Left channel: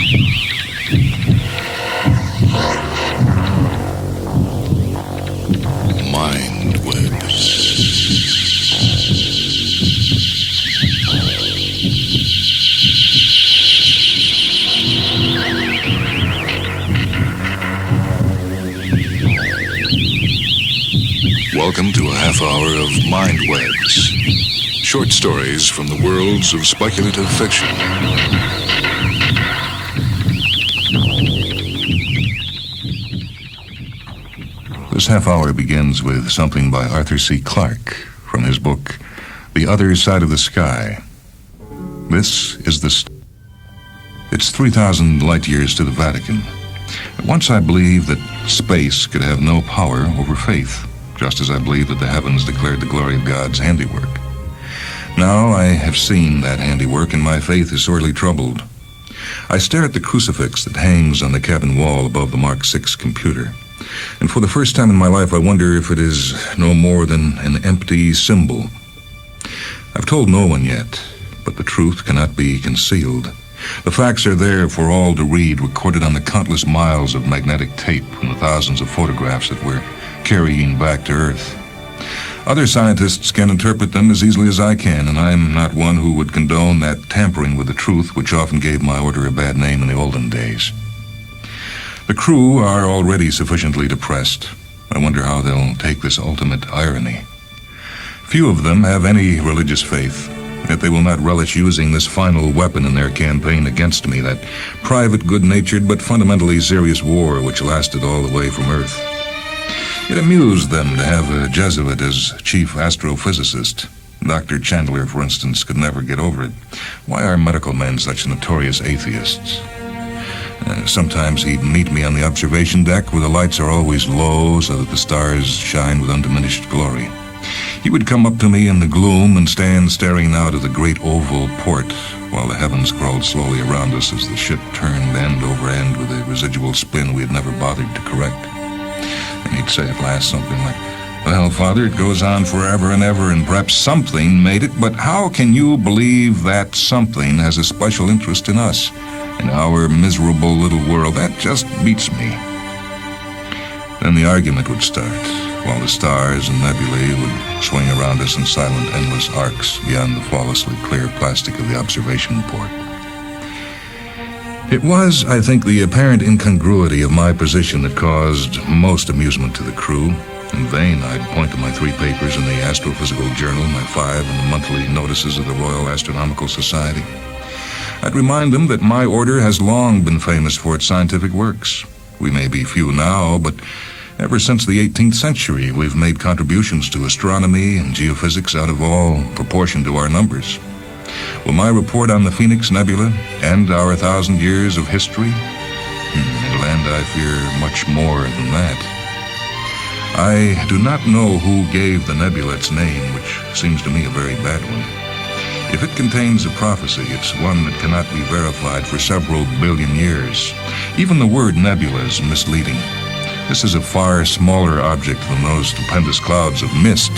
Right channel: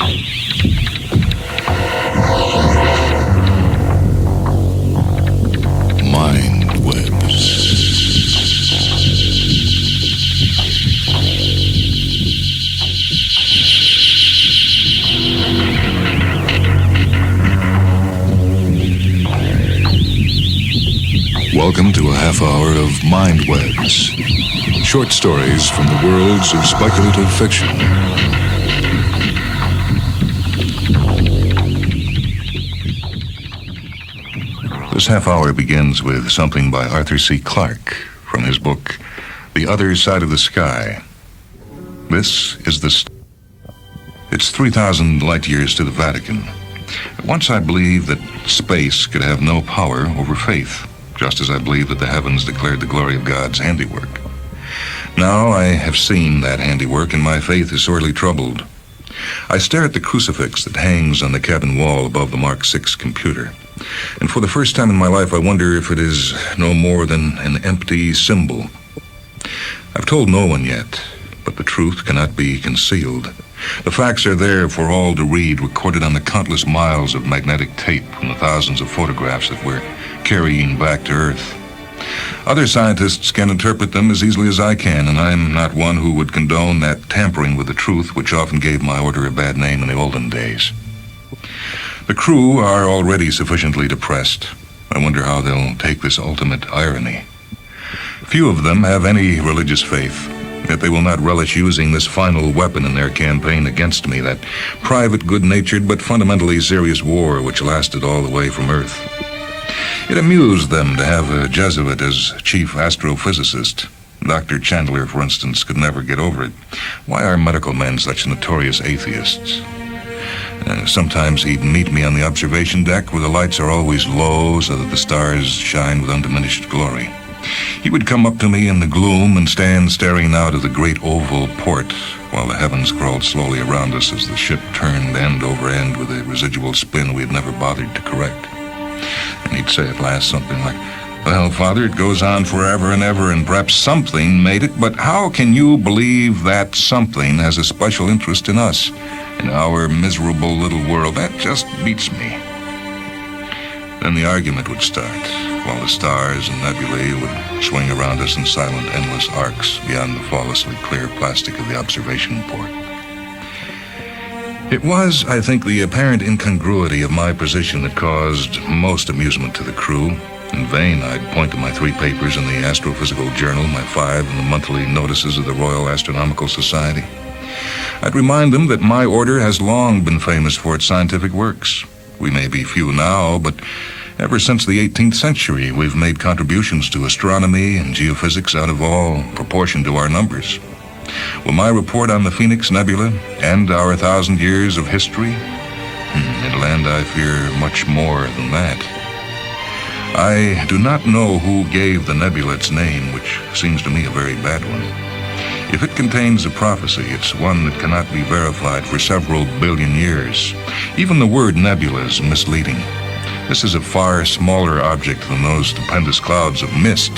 Welcome to a half hour of MINDWEBS, short stories from the worlds of speculative fiction. This half hour begins with something by Arthur C. Clarke from his book, The Other Side of the Sky. This is It's 3,000 light years to the Vatican. Once I believed that space could have no power over faith, just as I believe that the heavens declared the glory of God's handiwork. Now I have seen that handiwork, and my faith is sorely troubled. I stare at the crucifix that hangs on the cabin wall above the Mark VI computer, and for the first time in my life I wonder if it is no more than an empty symbol. I've told no one yet, but the truth cannot be concealed. The facts are there for all to read, recorded on the countless miles of magnetic tape from the thousands of photographs that we're carrying back to Earth. Other scientists can interpret them as easily as I can, and I'm not one who would condone that tampering with the truth which often gave my order a bad name in the olden days. The crew are already sufficiently depressed. I wonder how they'll take this ultimate irony. Few of them have any religious faith, yet they will not relish using this final weapon in their campaign against me, that private, good-natured, but fundamentally serious war which lasted all the way from Earth. It amused them to have a Jesuit as chief astrophysicist. Dr. Chandler, for instance, could never get over it. Why are medical men such notorious atheists? Sometimes he'd meet me on the observation deck where the lights are always low so that the stars shine with undiminished glory. He would come up to me in the gloom and stand staring out of the great oval port while the heavens crawled slowly around us as the ship turned end over end with a residual spin we had never bothered to correct. And he'd say at last something like, "Well, Father, it goes on forever and ever, and perhaps something made it, but how can you believe that something has a special interest in us, in our miserable little world? That just beats me." Then the argument would start, while the stars and nebulae would swing around us in silent, endless arcs beyond the flawlessly clear plastic of the observation port. It was, I think, the apparent incongruity of my position that caused most amusement to the crew. In vain I'd point to my 3 papers in the Astrophysical Journal, my 5 in the monthly notices of the Royal Astronomical Society. I'd remind them that my order has long been famous for its scientific works. We may be few now, but ever since the 18th century we've made contributions to astronomy and geophysics out of all proportion to our numbers. Will my report on the Phoenix Nebula end our 1,000 years of history? It'll end, I fear, much more than that. I do not know who gave the nebula its name, which seems to me a very bad one. If it contains a prophecy, it's one that cannot be verified for several billion years. Even the word nebula is misleading. This is a far smaller object than those stupendous clouds of mist,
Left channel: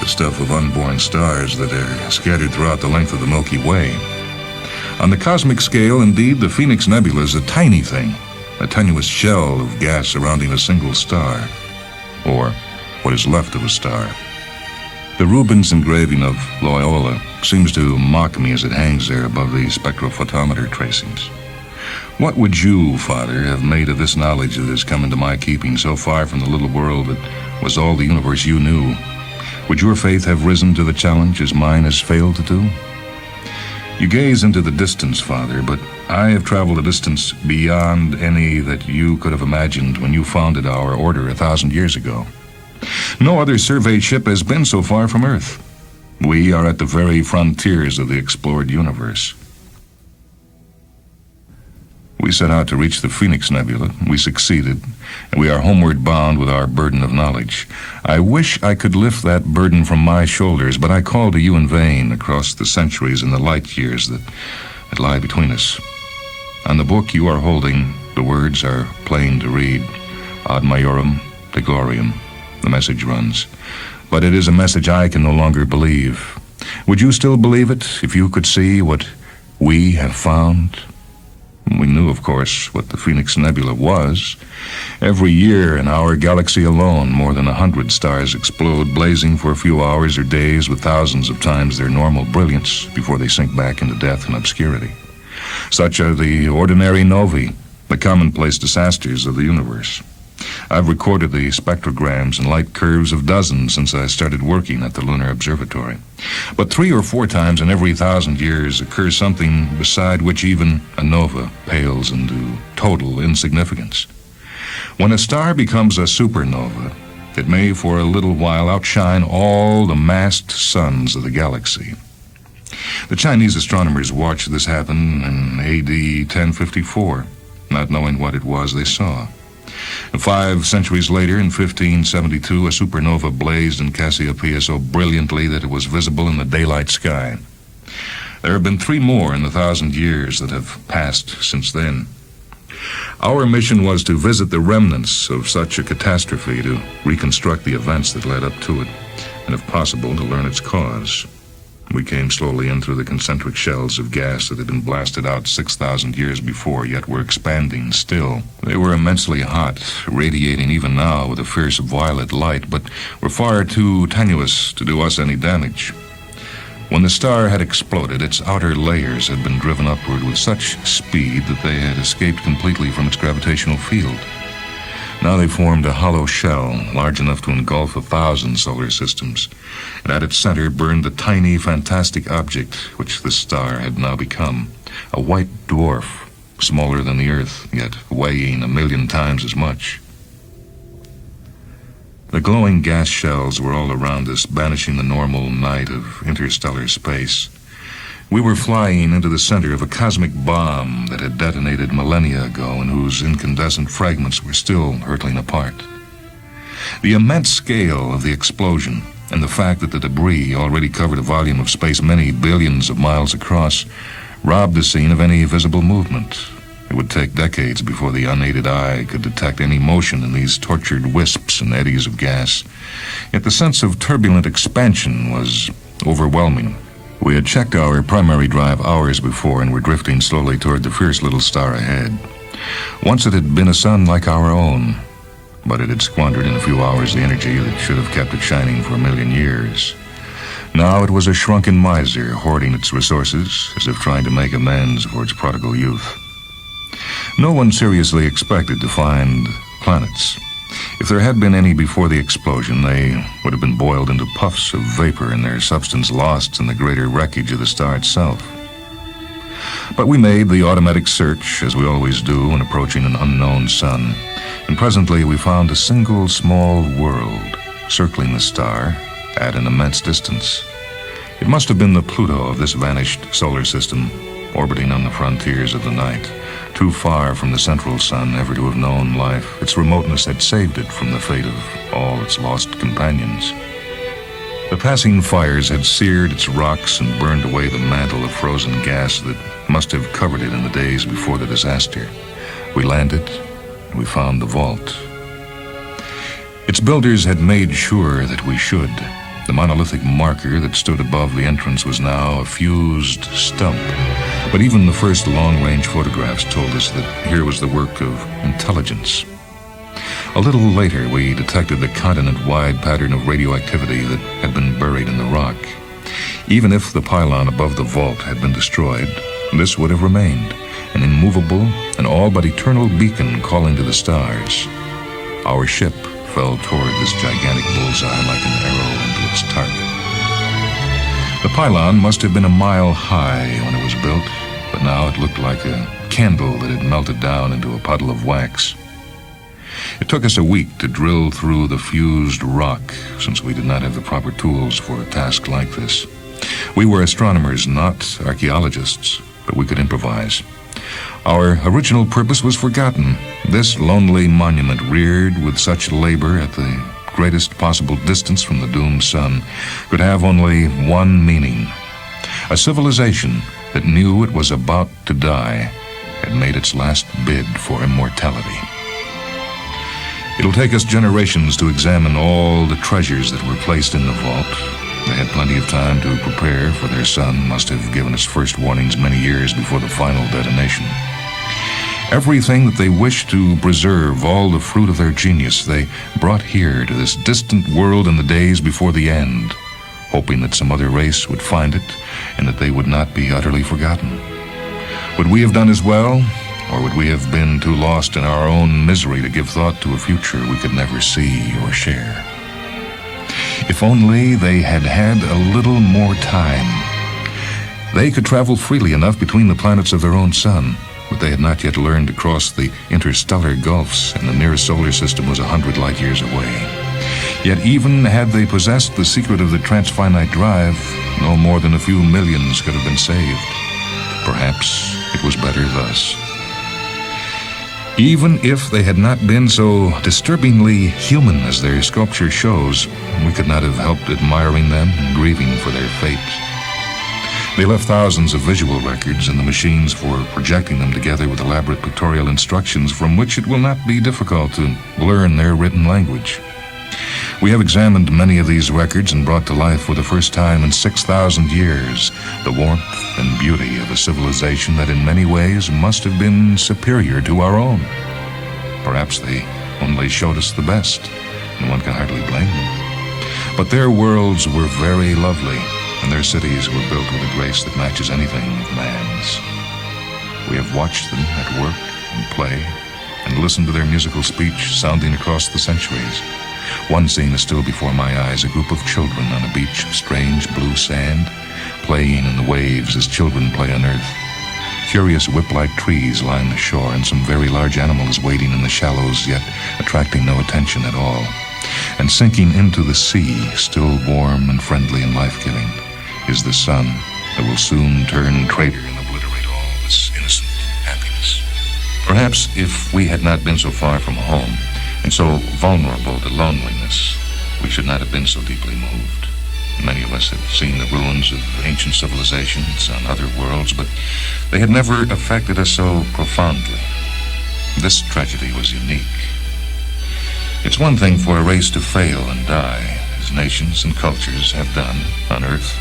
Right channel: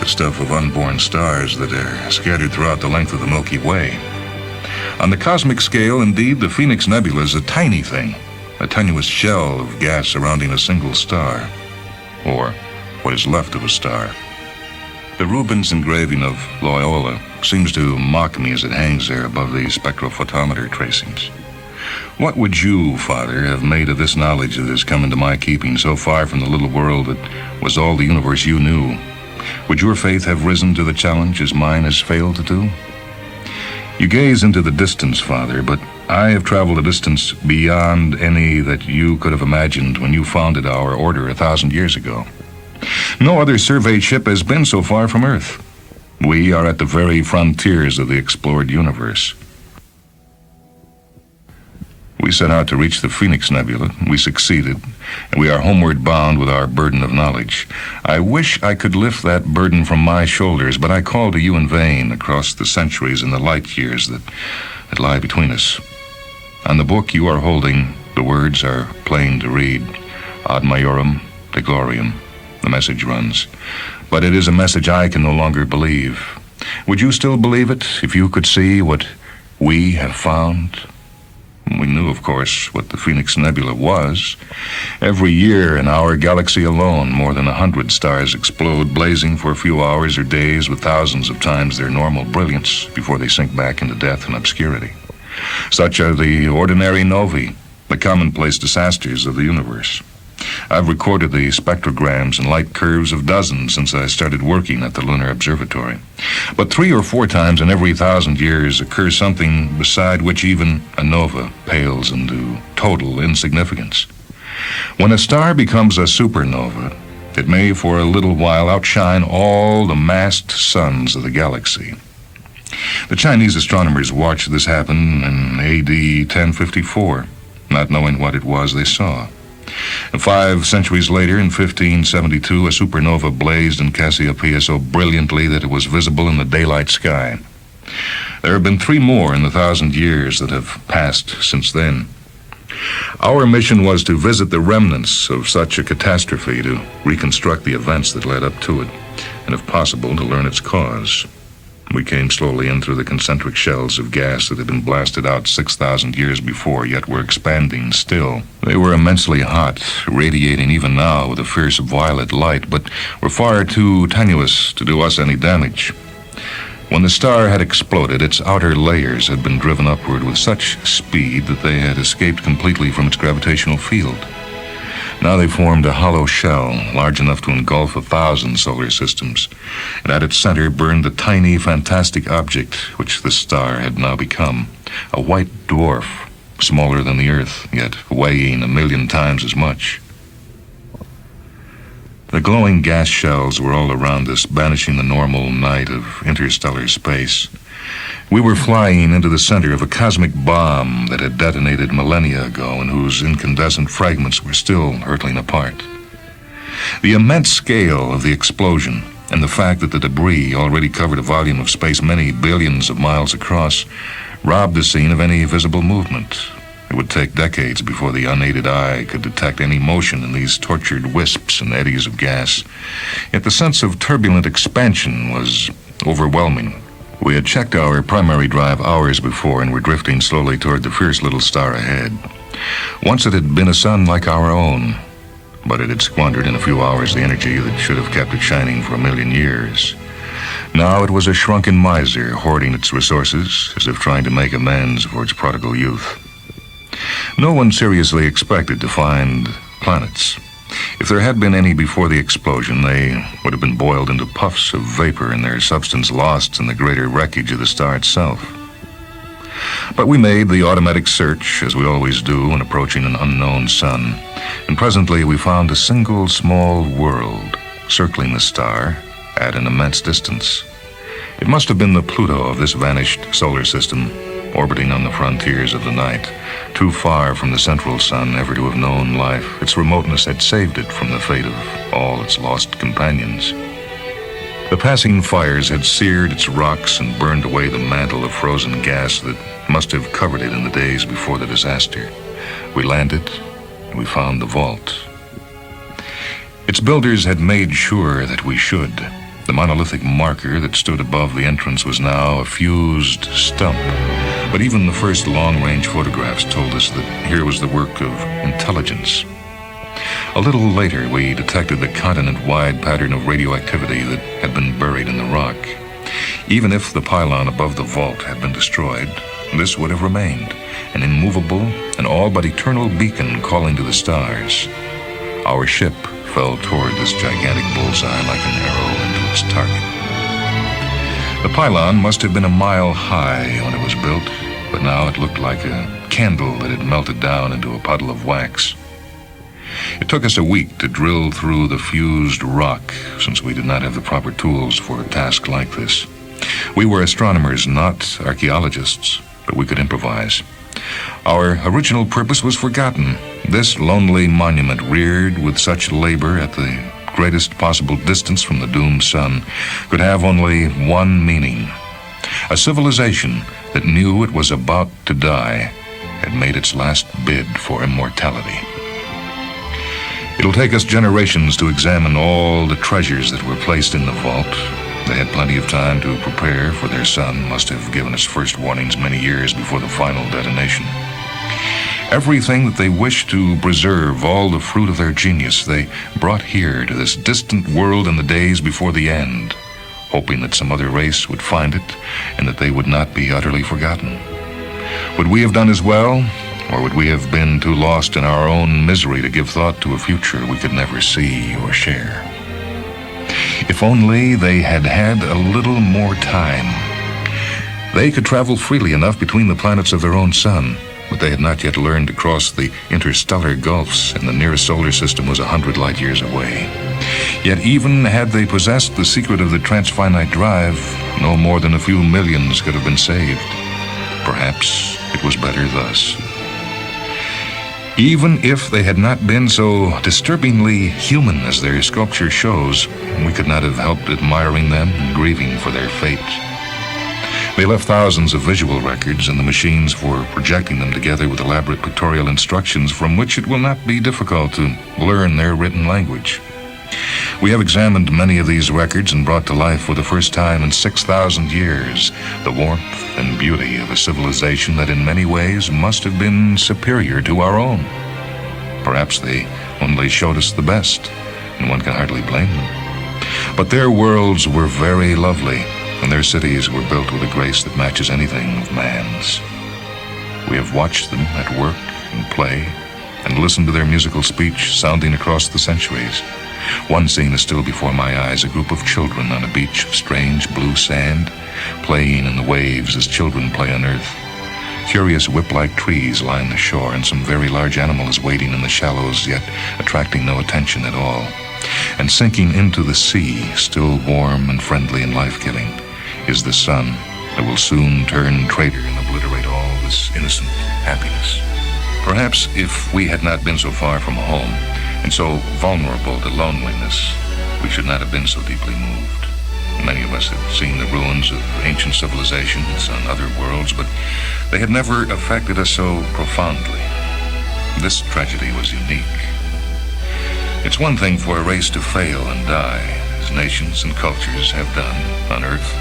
the stuff of unborn stars that are scattered throughout the length of the Milky Way. On the cosmic scale, indeed, the Phoenix Nebula is a tiny thing, a tenuous shell of gas surrounding a single star, or what is left of a star. The Rubens engraving of Loyola seems to mock me as it hangs there above the spectrophotometer tracings. What would you, Father, have made of this knowledge that has come into my keeping so far from the little world that was all the universe you knew? Would your faith have risen to the challenge as mine has failed to do? You gaze into the distance, Father, but I have traveled a distance beyond any that you could have imagined when you founded our order 1,000 years ago. No other surveyed ship has been so far from Earth. We are at the very frontiers of the explored universe. We set out to reach the Phoenix Nebula. We succeeded, and we are homeward bound with our burden of knowledge. I wish I could lift that burden from my shoulders, but I call to you in vain across the centuries and the light years that lie between us. On the book you are holding, the words are plain to read. Ad Majorem Dei Gloriam. The message runs. But it is a message I can no longer believe. Would you still believe it if you could see what we have found? We knew, of course, what the Phoenix Nebula was. Every year in our galaxy alone, more than 100 stars explode, blazing for a few hours or days with thousands of times their normal brilliance before they sink back into death and obscurity. Such are the ordinary novae, the commonplace disasters of the universe. I've recorded the spectrograms and light curves of dozens since I started working at the Lunar Observatory. But 3 or 4 times in every 1,000 years occurs something beside which even a nova pales into total insignificance. When a star becomes a supernova, it may for a little while outshine all the massed suns of the galaxy. The Chinese astronomers watched this happen in AD 1054, not knowing what it was they saw. And 5 centuries later, in 1572, a supernova blazed in Cassiopeia so brilliantly that it was visible in the daylight sky. There have been 3 more in the 1,000 years that have passed since then. Our mission was to visit the remnants of such a catastrophe, to reconstruct the events that led up to it, and if possible, to learn its cause. We came slowly in through the concentric shells of gas that had been blasted out 6,000 years before, yet were expanding still. They were immensely hot, radiating even now with a fierce violet light, but were far too tenuous to do us any damage. When the star had exploded, its outer layers had been driven upward with such speed that they had escaped completely from its gravitational field. Now they formed a hollow shell, large enough to engulf 1,000 solar systems, and at its center burned the tiny, fantastic object which the star had now become, a white dwarf, smaller than the Earth, yet weighing 1,000,000 times as much. The glowing gas shells were all around us, banishing the normal night of interstellar space. We were flying into the center of a cosmic bomb that had detonated millennia ago and whose incandescent fragments were still hurtling apart. The immense scale of the explosion and the fact that the debris already covered a volume of space many billions of miles across robbed the scene of any visible movement. It would take decades before the unaided eye could detect any motion in these tortured wisps and eddies of gas. Yet the sense of turbulent expansion was overwhelming. We had checked our primary drive hours before and were drifting slowly toward the fierce little star ahead. Once it had been a sun like our own, but it had squandered in a few hours the energy that should have kept it shining for 1,000,000 years. Now it was a shrunken miser hoarding its resources as if trying to make amends for its prodigal youth. No one seriously expected to find planets. If there had been any before the explosion, they would have been boiled into puffs of vapor and their substance lost in the greater wreckage of the star itself. But we made the automatic search, as we always do when approaching an unknown sun, and presently we found a single small world circling the star at an immense distance. It must have been the Pluto of this vanished solar system, orbiting on the frontiers of the night, too far from the central sun ever to have known life. Its remoteness had saved it from the fate of all its lost companions. The passing fires had seared its rocks and burned away the mantle of frozen gas that must have covered it in the days before the disaster. We landed, and we found the vault. Its builders had made sure that we should. The monolithic marker that stood above the entrance was now a fused stump. But even the first long-range photographs told us that here was the work of intelligence. A little later, we detected the continent-wide pattern of radioactivity that had been buried in the rock. Even if the pylon above the vault had been destroyed, this would have remained, an immovable and all but eternal beacon calling to the stars. Our ship fell toward this gigantic bullseye like an arrow into its target. The pylon must have been a mile high when it was built, but now it looked like a candle that had melted down into a puddle of wax. It took us a week to drill through the fused rock, since we did not have the proper tools for a task like this. We were astronomers, not archaeologists, but we could improvise. Our original purpose was forgotten. This lonely monument, reared with such labor at the greatest possible distance from the doomed sun, could have only one meaning. A civilization that knew it was about to die had made its last bid for immortality. It'll take us generations to examine all the treasures that were placed in the vault. They had plenty of time to prepare, for their sun must have given its first warnings many years before the final detonation. Everything that they wished to preserve, all the fruit of their genius, they brought here to this distant world in the days before the end, hoping that some other race would find it and that they would not be utterly forgotten. Would we have done as well, or would we have been too lost in our own misery to give thought to a future we could never see or share? If only they had had a little more time. They could travel freely enough between the planets of their own sun, but they had not yet learned to cross the interstellar gulfs, and the nearest solar system was 100 light years away. Yet even had they possessed the secret of the transfinite drive, no more than a few millions could have been saved. Perhaps it was better thus. Even if they had not been so disturbingly human as their sculpture shows, we could not have helped admiring them and grieving for their fate. They left thousands of visual records and the machines for projecting them together with elaborate pictorial instructions from which it will not be difficult to learn their written language. We have examined many of these records and brought to life for the first time in 6,000 years the warmth and beauty of a civilization that in many ways must have been superior to our own. Perhaps they only showed us the best, and one can hardly blame them. But their worlds were very lovely, and their cities were built with a grace that matches anything of man's. We have watched them at work and play, and listened to their musical speech sounding across the centuries. One scene is still before my eyes, a group of children on a beach of strange blue sand, playing in the waves as children play on earth. Curious whip-like trees line the shore, and some very large animal is wading in the shallows, yet attracting no attention at all. And sinking into the sea, still warm and friendly and life-giving, is the sun that will soon turn traitor and obliterate all this innocent happiness. Perhaps if we had not been so far from home, and so vulnerable to loneliness, we should not have been so deeply moved. Many of us have seen the ruins of ancient civilizations on other worlds, but they had never affected us so profoundly. This tragedy was unique. It's one thing for a race to fail and die, as nations and cultures have done on Earth,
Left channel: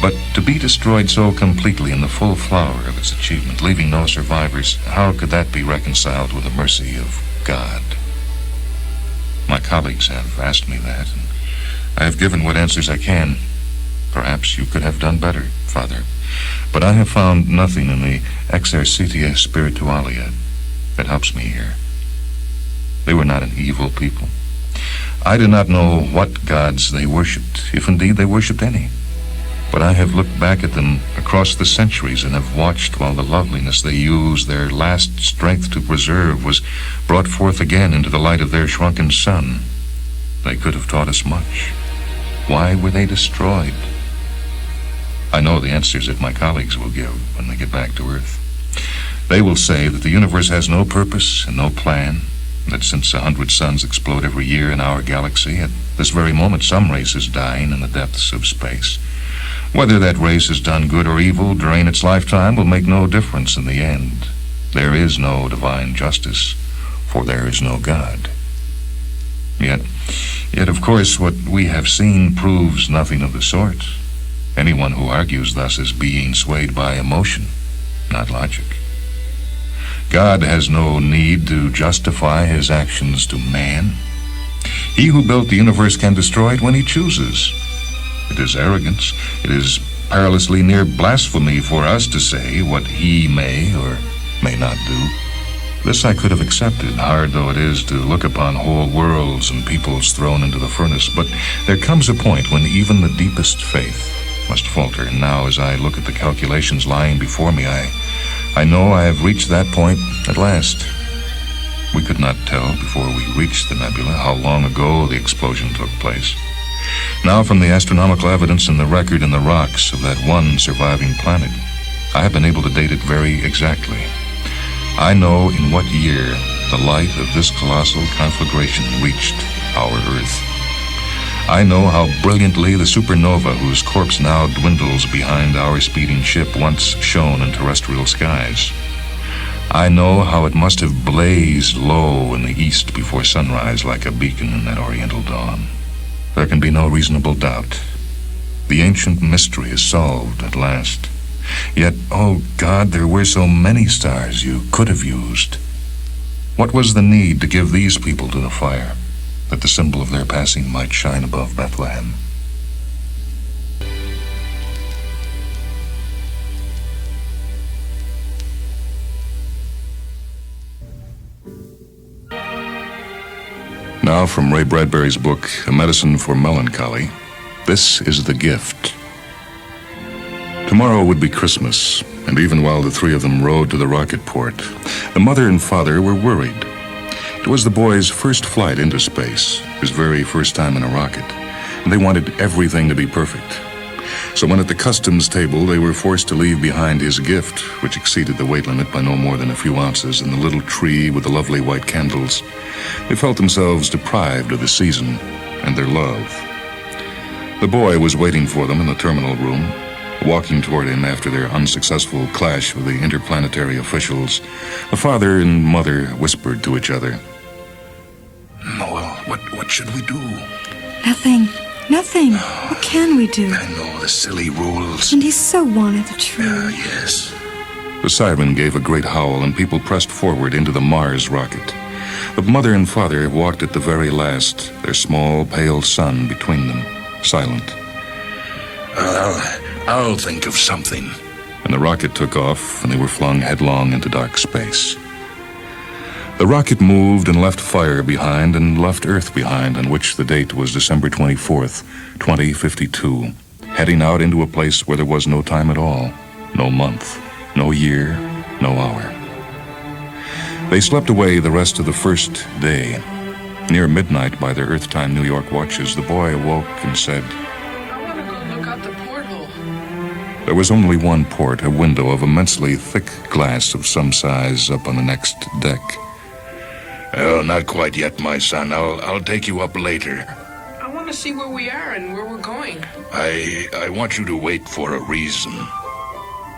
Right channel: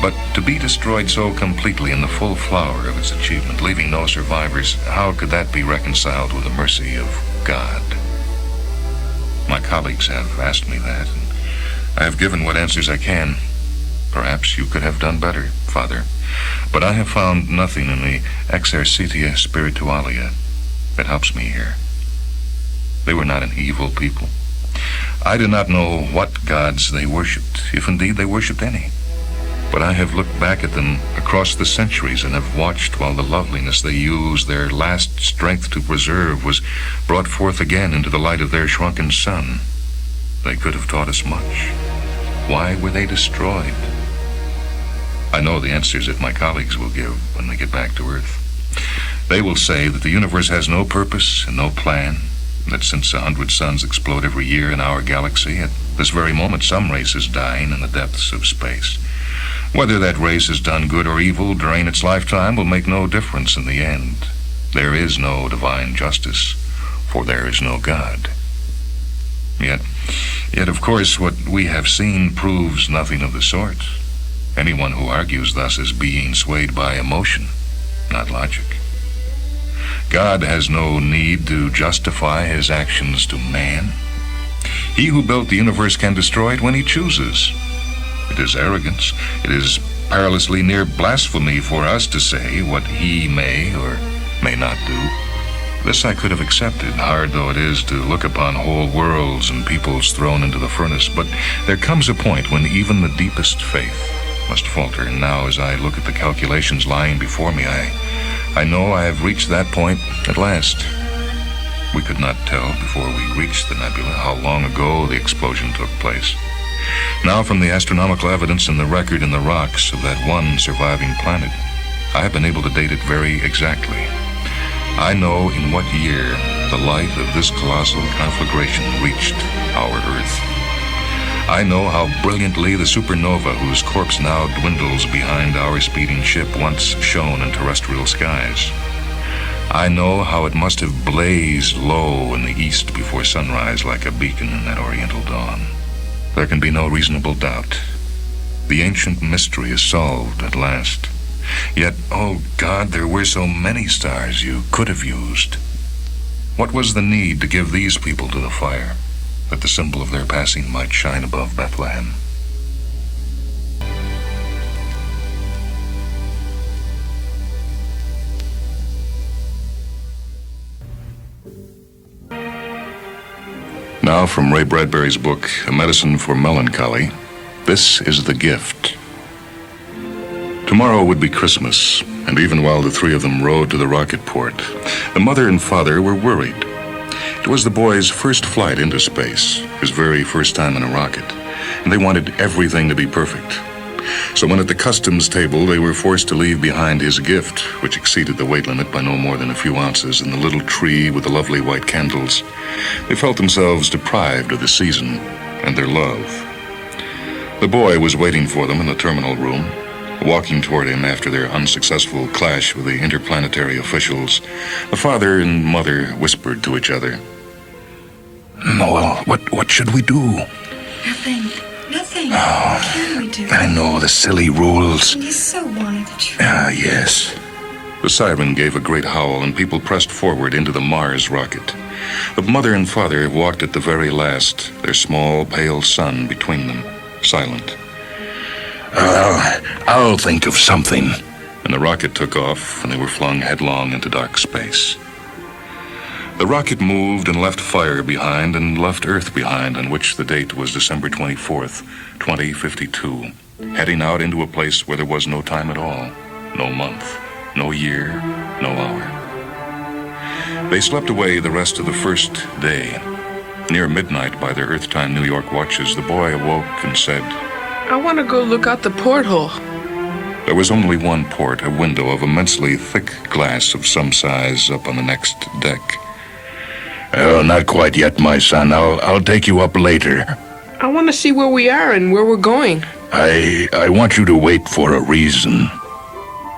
but to be destroyed so completely in the full flower of its achievement, leaving no survivors, how could that be reconciled with the mercy of God? My colleagues have asked me that, and I have given what answers I can. Perhaps you could have done better, Father, but I have found nothing in the exercitia spiritualia that helps me here. They were not an evil people. I do not know what gods they worshipped, if indeed they worshipped any. But I have looked back at them across the centuries and have watched while the loveliness they used their last strength to preserve was brought forth again into the light of their shrunken sun. They could have taught us much. Why were they destroyed? I know the answers that my colleagues will give when they get back to Earth. They will say that the universe has no purpose and no plan, that since 100 suns explode every year in our galaxy, at this very moment some race is dying in the depths of space. Whether that race has done good or evil during its lifetime will make no difference in the end. There is no divine justice, for there is no God. Yet of course, what we have seen proves nothing of the sort. Anyone who argues thus is being swayed by emotion, not logic. God has no need to justify his actions to man. He who built the universe can destroy it when he chooses. It is arrogance. It is perilously near blasphemy for us to say what he may or may not do. This I could have accepted, hard though it is to look upon whole worlds and peoples thrown into the furnace, but there comes a point when even the deepest faith must falter, and now as I look at the calculations lying before me, I know I have reached that point at last. We could not tell before we reached the nebula how long ago the explosion took place. Now, from the astronomical evidence and the record in the rocks of that one surviving planet, I have been able to date it very exactly. I know in what year the light of this colossal conflagration reached our Earth. I know how brilliantly the supernova whose corpse now dwindles behind our speeding ship once shone in terrestrial skies. I know how it must have blazed low in the east before sunrise like a beacon in that oriental dawn. There can be no reasonable doubt. The ancient mystery is solved at last. Yet, oh God, there were so many stars you could have used. What was the need to give these people to the fire, that the symbol of their passing might shine above Bethlehem? Now, from Ray Bradbury's book, A Medicine for Melancholy, this is The Gift. Tomorrow would be Christmas, and even while the three of them rode to the rocket port, the mother and father were worried. It was the boy's first flight into space, his very first time in a rocket, and they wanted everything to be perfect. So when at the customs table they were forced to leave behind his gift, which exceeded the weight limit by no more than a few ounces, and the little tree with the lovely white candles, they felt themselves deprived of the season and their love. The boy was waiting for them in the terminal room. Walking toward him after their unsuccessful clash with the interplanetary officials, the father and mother whispered to each other. Well, what should we do? Nothing. What can we do? I know, the silly rules. And he so wanted the tree. Yes. The siren gave a great howl, and people pressed forward into the Mars rocket. The mother and father walked at the very last, their small, pale son between them, silent. I'll think of something. And the rocket took off, and they were flung headlong into dark space. The rocket moved and left fire behind and left Earth behind, on which the date was December 24th, 2052, heading out into a place where there was no time at all, no month, no year, no hour. They slept away the rest of the first day. Near midnight by their Earth-time New York watches, the boy awoke and said, I want to go look out the porthole. There was only one port, a window of immensely thick glass of some size up on the next deck. Oh, not quite yet, my son. I'll take you up later. I want to see where we are and where we're going. I want you to wait for a reason.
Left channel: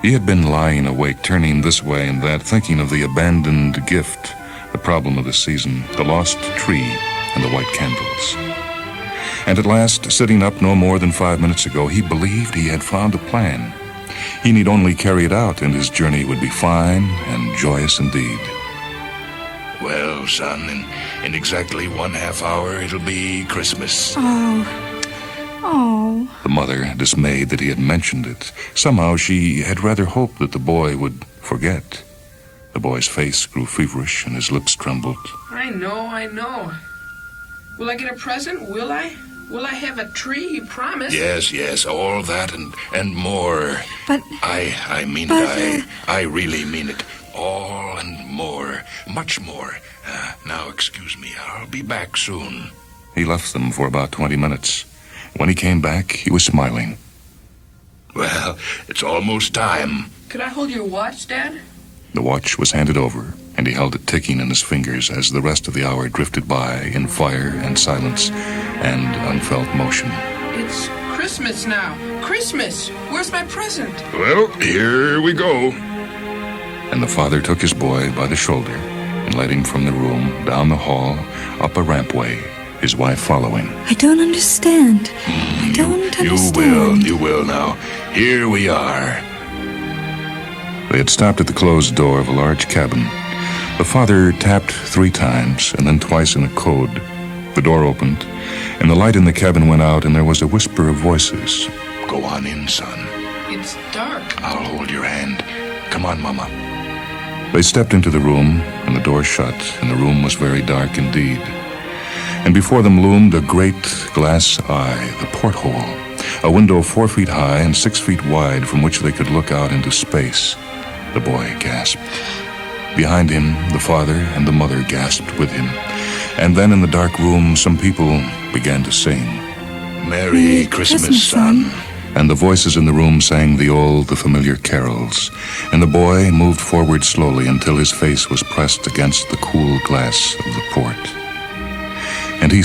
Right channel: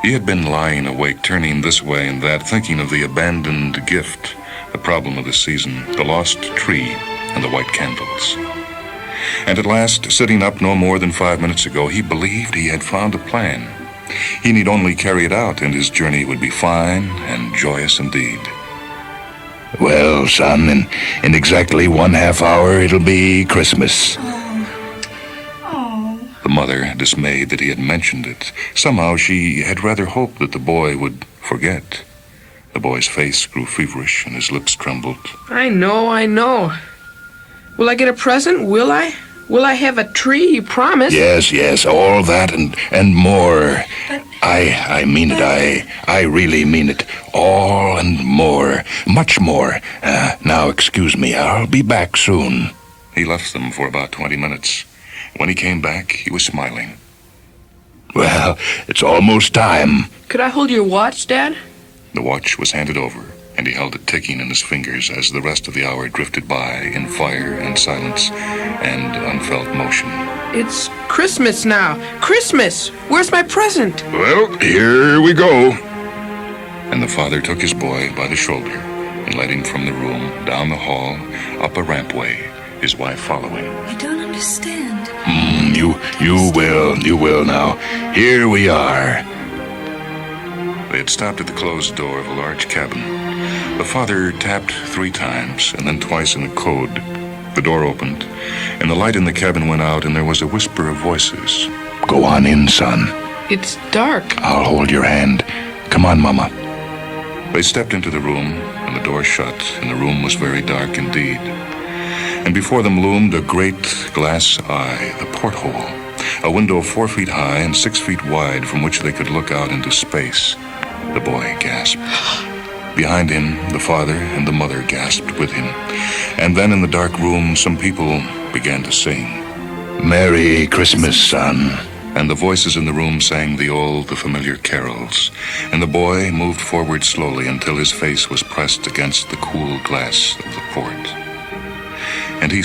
He had been lying awake, turning this way and that, thinking of the abandoned gift, the problem of the season, the lost tree, and the white candles. And at last, sitting up no more than 5 minutes ago, he believed he had found a plan. He need only carry it out, and his journey would be fine and joyous indeed. Well, son, in exactly 1/2 hour, it'll be Christmas. Oh. The mother, dismayed that he had mentioned it. Somehow she had rather hoped that the boy would forget. The boy's face grew feverish, and his lips trembled. I know. Will I get a present? Will I? Will I have a tree? You promised. Yes, all that and more. But I mean it. I really mean it. All and more. Much more. Now, excuse me. I'll be back soon. He left them for about 20 minutes. When he came back, he was smiling. Well, it's almost time. Could I hold your watch, Dad? The watch was handed over, and he held it ticking in his fingers as the rest of the hour drifted by in fire and silence and unfelt motion. It's Christmas now. Christmas! Where's my present? Well, here we go. And the father took his boy by the shoulder and led him from the room, down the hall, up a rampway, his wife following. I don't understand. You will now. Here we are. They had stopped at the closed door of a large cabin. The father tapped 3 times and then twice in a code. The door opened, and the light in the cabin went out, and there was a whisper of voices. Go on in, son. It's dark. I'll hold your hand. Come on, Mama. They stepped into the room, and the door shut, and the room was very dark indeed. And before them loomed a great glass eye, the porthole, a window 4 feet high and 6 feet wide from which they could look out into space. The boy gasped. Behind him, the father and the mother gasped with him. And then in the dark room, some people began to sing. Merry Christmas, son. And the voices in the room sang the familiar carols. And the boy moved forward slowly until his face was pressed against the cool glass of the port. And he